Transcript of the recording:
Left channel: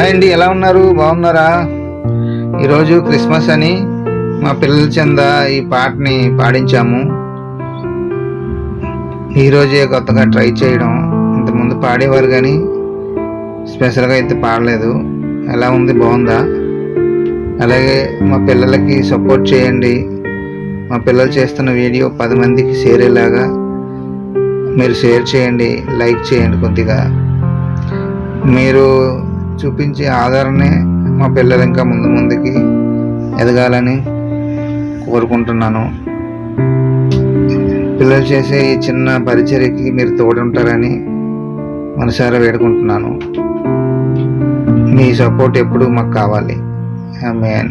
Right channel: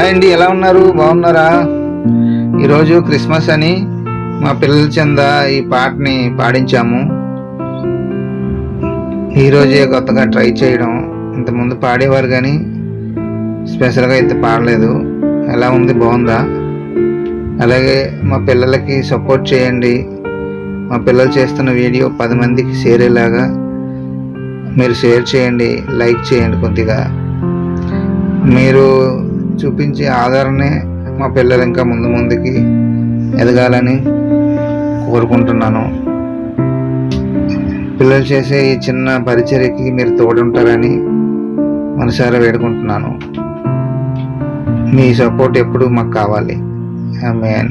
Hi అండి, ఎలా ఉన్నారు? బాగున్నారా? ఈరోజు క్రిస్మస్ అని మా పిల్లల చెంద ఈ పాటని పాడించాము. ఈరోజే కొత్తగా ట్రై చేయడం. ఇంతకుముందు పాడేవారు కానీ స్పెషల్గా అయితే పాడలేదు. ఎలా ఉంది? బాగుందా? అలాగే మా పిల్లలకి సపోర్ట్ చేయండి. మా పిల్లలు చేస్తున్న వీడియో 10 మందికి షేర్ అయ్యేలాగా మీరు షేర్ చేయండి, లైక్ చేయండి. కొద్దిగా మీరు చూపించే ఆదరణే మా పిల్లలు ఇంకా ముందుకి ఎదగాలని కోరుకుంటున్నాను. పిల్లలు చేసే ఈ చిన్న పరిచర్యకి మీరు తోడుంటారని మనసారా వేడుకుంటున్నాను. మీ సపోర్ట్ ఎప్పుడు మాకు కావాలి. ఆమేన్.